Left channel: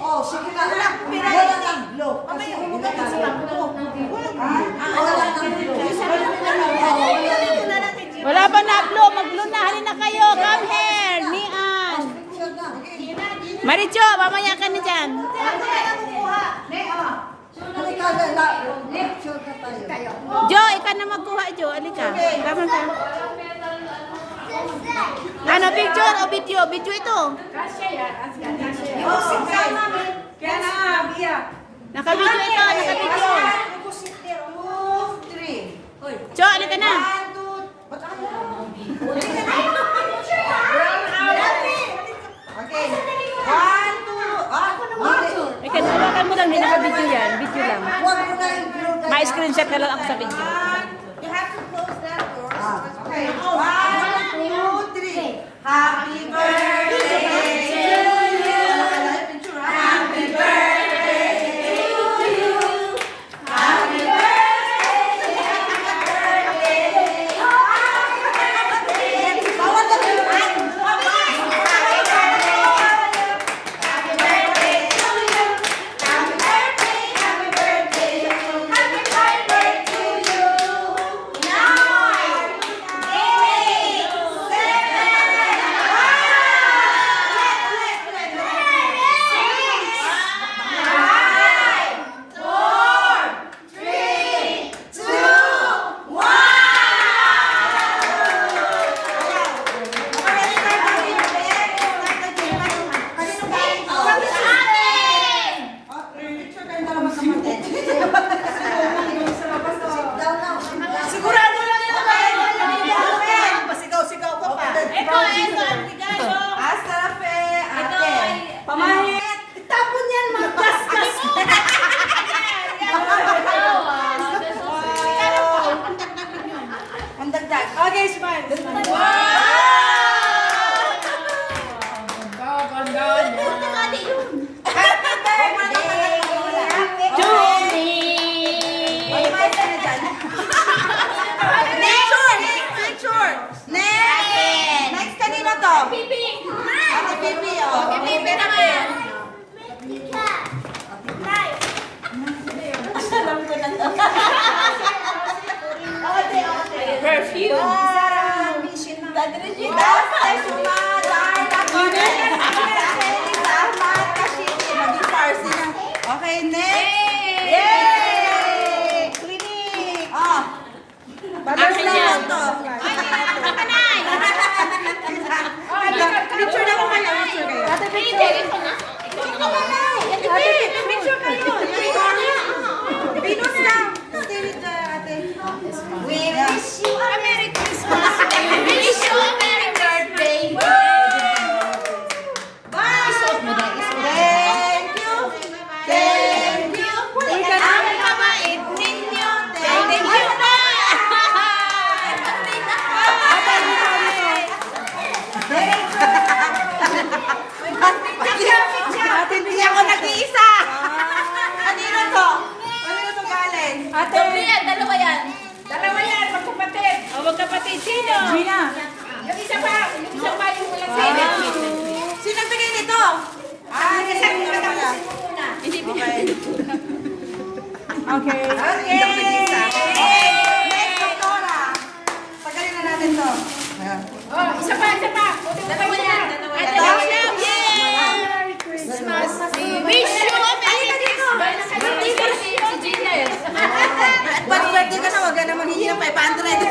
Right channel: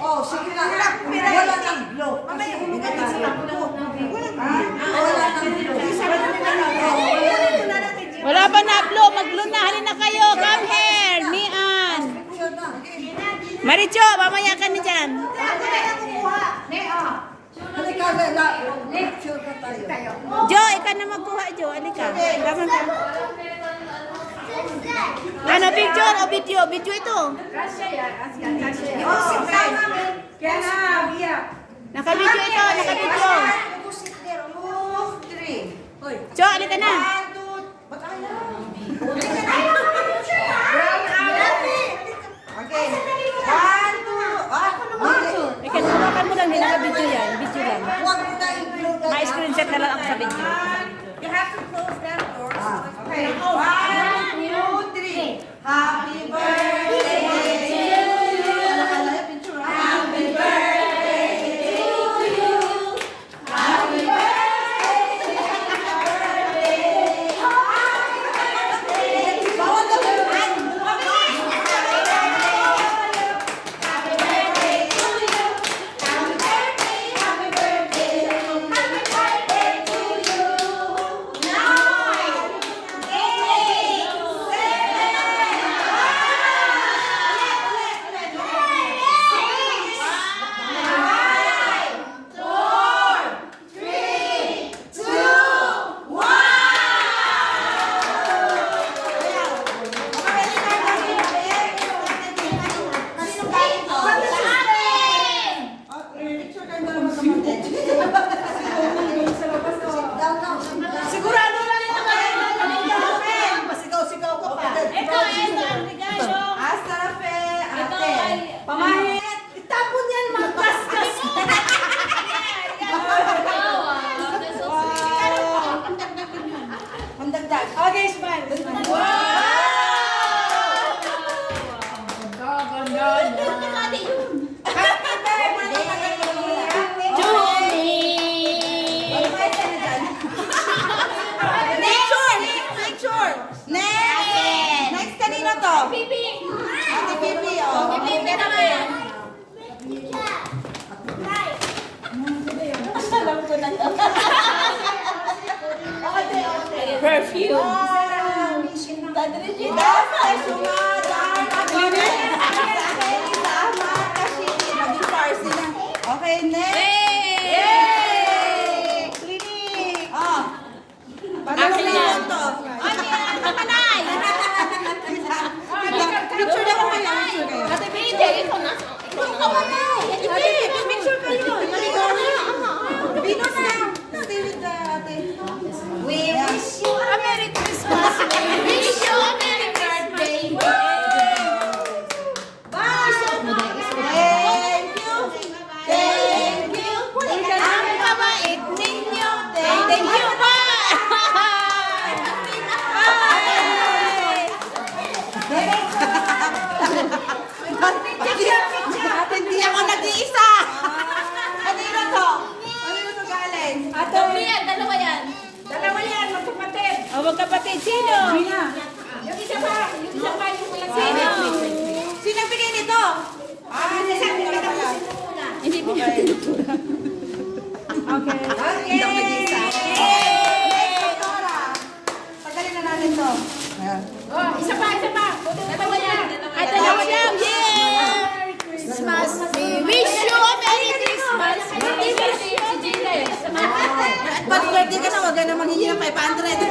Oh, sige ka. Wala lang blow. Kasi hindi ka wala lang blow. Wala pa na blow. Mag-blow na. Halin na kayo. Come here. Nian. Maricho, mamaya ka na dyan. Jo, ikaw na magkuha, Jo. Alika. Tama ka. Ano, picture o video? Video ito. Naka-video ito. Naka-video. Jo, alika na. Okay. 1, 2. Ikaw, hawakan mo lang. Hindi naka-video yan. Video lang. Huwag mo na i-blow. Ma-screenshot na lang ako sa video. You have to close that door. Okay. 1, 2, 3. Happy birthday to you. Happy birthday to you. Happy birthday. Bawal ka din. Sigurado lang ito kayo. Pasigaw-sigaw ko pa. Ito, ang regalo. Hasta la fe, ate. Pamahit. Itapon yan, magkaskas. Pandagdag. Okay, smile. Next kanina to? Pipi. Ate Pipi, oh. Pipi naman. Alam ko na to. Perfume. Wow! Tadrishita, ay sumada, ay nakone. Salamat kasi maging Farsi na. Okay, next. Yay! Clinic. Oh. Akin yan. Picture na naman lang. Picture kayo. Ate, picture. Picture kayo. Venus na. Stay with the ate. We wish you a Merry Christmas. We wish you a Merry birthday. Isuot mo dahil. Thank you. Thank you. Ang kabait ninyo. Thank you. Hindi ako nag-iisa. Kanino to? Kanino to galing? Dalawa yan. Dalawa yan, magkapatid. O, magkapatid. Sino? Mina. Yung isa pa yung Wait. Sino bigay nito? Hindi sa mga pala. Hindi Okay. Okay. Okay. Next, Pastora. Tagalin na natin to. Ayan. Isa pa. Dalawa yan. Ito lang. Yay! Christmas. We wish you a Merry Christmas. Si Jingle. At pag birthday ka na, huwag ka na manghihingi ng 500.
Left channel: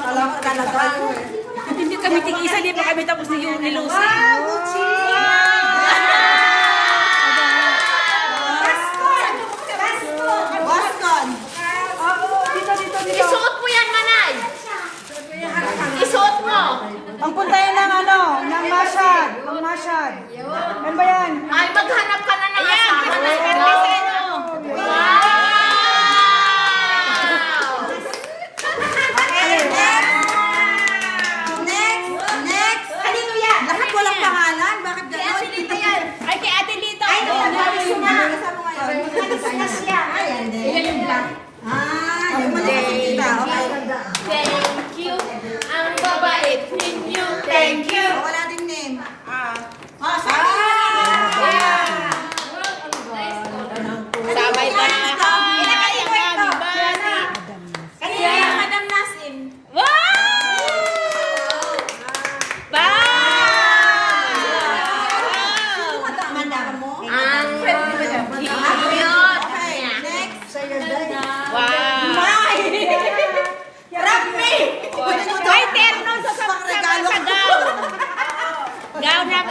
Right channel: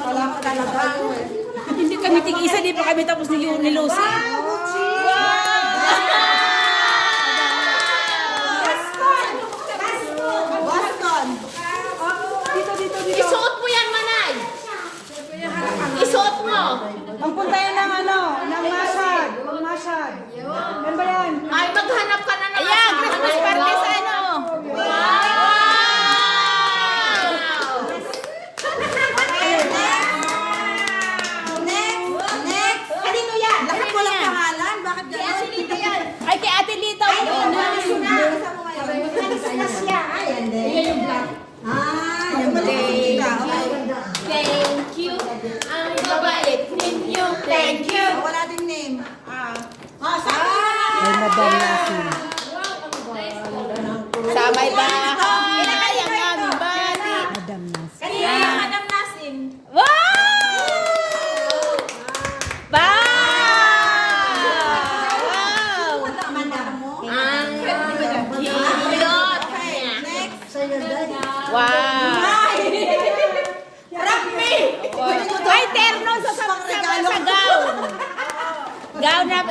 Salamat ka na tayo eh. Hindi kami tig-isa, di pa kami tapos ni Lucy. Wow, Gucci! Wascon! Isuot mo yan, Manay. Isuot mo. Magpunta yun ng ano, ng Mashad. Mashad. Yan ba yan? Ay, maghanap ka na ng Ayan, Christmas birthday sa ano. Wow! Okay, next. Kanino yan? Lahat walang pangalan? Bakit gano'n? Ay, kay Ate Lita. Ay,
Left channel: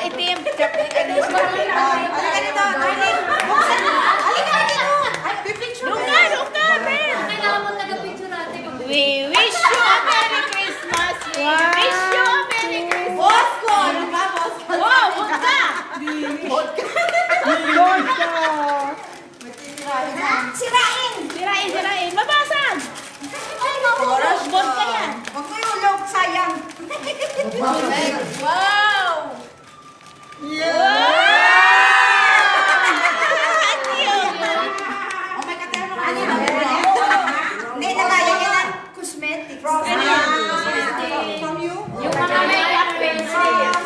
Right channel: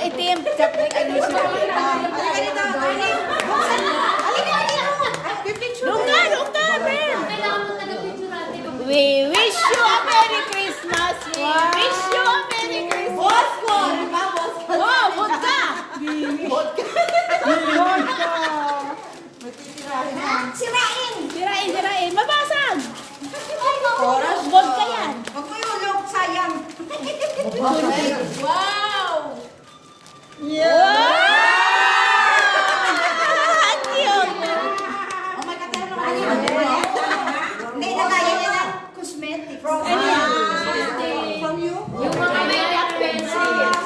itim. Halika dito, Carly. Halika dito. Pipicture Luka, luka, Ben. We wish you a Merry Christmas. We wish you a Merry Christmas. Boss ko, di ba? Boss ko. Oh, vodka. Sirain. Sirain. Mabasag. Oras Vodka yan. Huwag mo yung ulog, sayang. Wow! Oh my God, ano hindi na kaya niya na cosmetics. From you? Yung mga makeup pencils.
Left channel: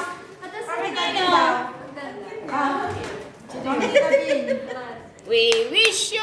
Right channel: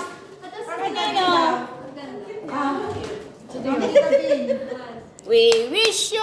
We wish you